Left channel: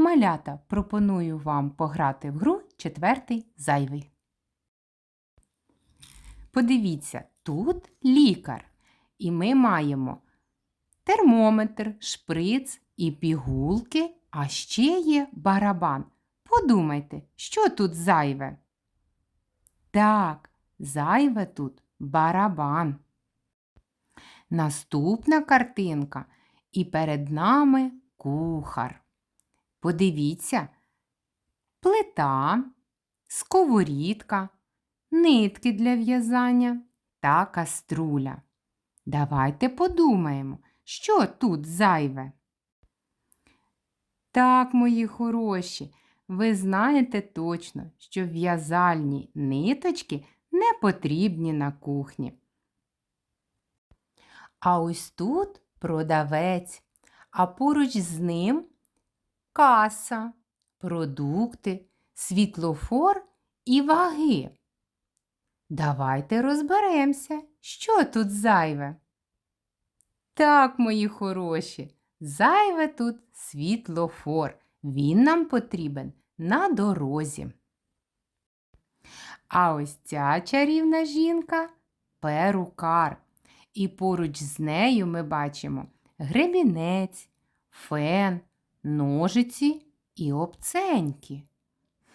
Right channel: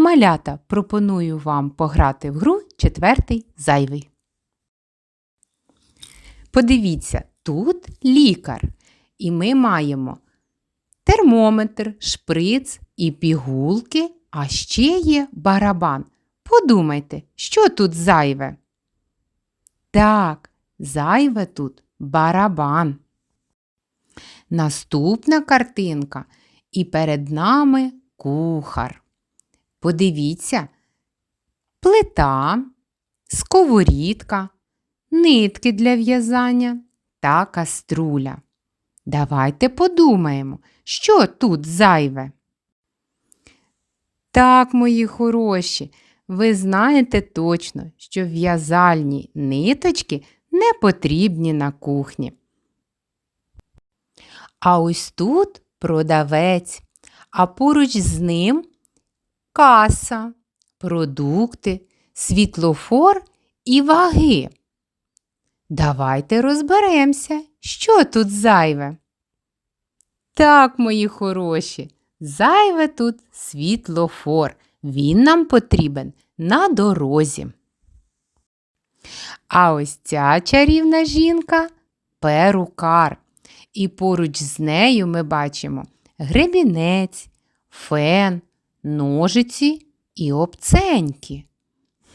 Малята пропоную вам пограти в гру четвертий зайвий. Подивіться, тут лікар, і ми маємо термометр, шприц і пігулки, а ще є барабан. Подумайте, що тут зайве? Так, зайве тут барабан. Наступна картинка, і перед нами кухар. Подивіться, плита, сковорідка, нитки для в'язання та каструля. Давайте подумаємо, що тут зайве. Так, мої хороші, ви знаєте точно, що в'язальні ниточки не потрібні на кухні. А ось тут продавець, а поруч з ним каса, продукти, світлофор і ваги. Давайте розберемося, що тут зайве. Так, мої хороші, зайве тут світлофор. Він нам потрібен на дорозі. А ось ця чарівна жінка перукар. І поруч з нею ми бачимо гребінець, фен, ножиці і обценьки.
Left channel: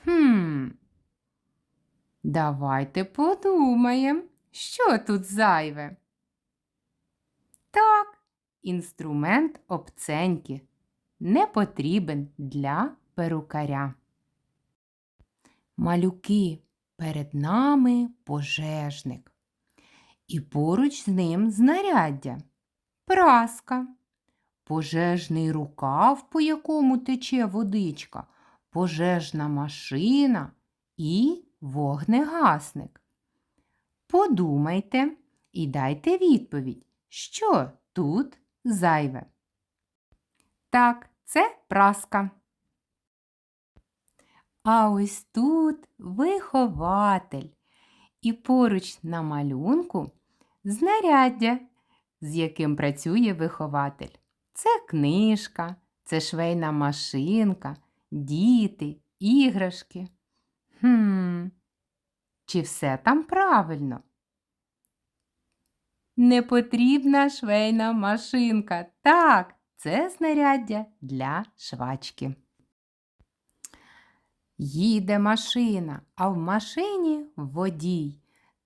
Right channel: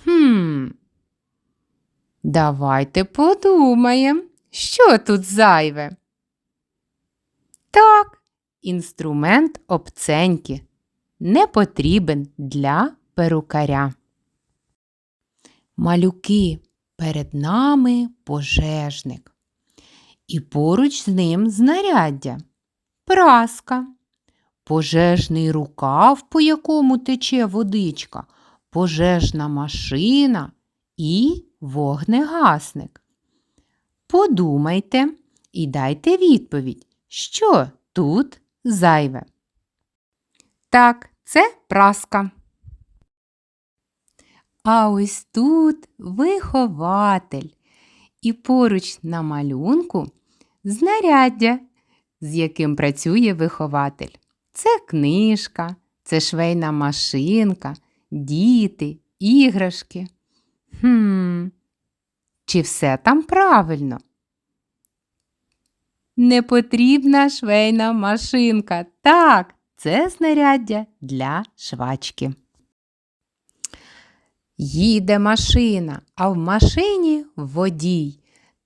Хм. Давайте подумаємо, що тут зайве. Так, інструмент обценьки не потрібен для перукаря. Малюки, перед нами пожежник. І поруч з ним знаряддя, праска, пожежний рукав, по якому тече водичка, пожежна машина і вогнегасник. Подумайте і дайте відповідь, що тут зайве. Так, це праска. А ось тут вихователь. І поруч на малюнку знаряддя, з яким працює вихователь. Це книжка, це швейна машинка, діти, іграшки. Хм, чи все там правильно? Непотрібна швейна машинка. Так, це знаряддя для швачки. Їде машина, а в машині водій.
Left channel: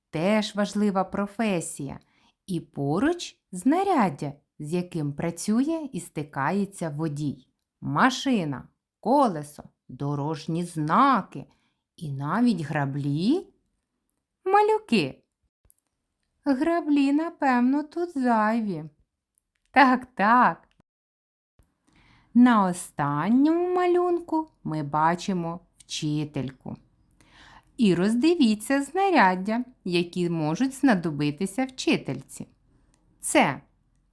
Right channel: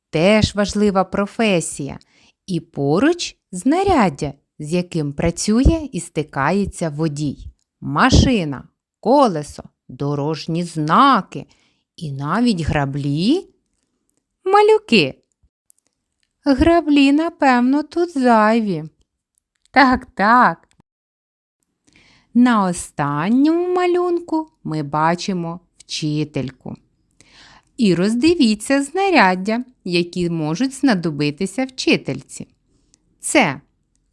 Теж важлива професія. І поруч знаряддя, з яким працює і стикається водій. Машина, колесо, дорожні знаки і навіть граблі. Малюки. Граблі, напевно, тут зайві. Так, так. На останньому малюнку ми бачимо вчительку. І роздивіться знаряддя, які можуть знадобитися вчительці. Це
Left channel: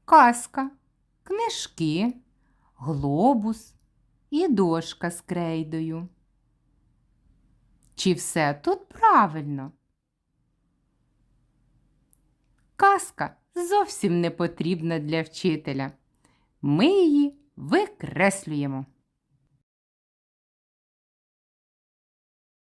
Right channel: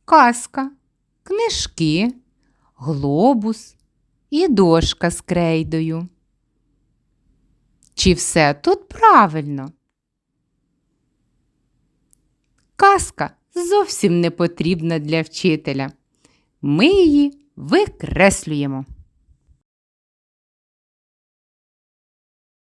каска, книжки, глобус і дошка з крейдою. Чи все тут правильно? Казка зовсім не потрібна для вчителя. Ми її викреслюємо.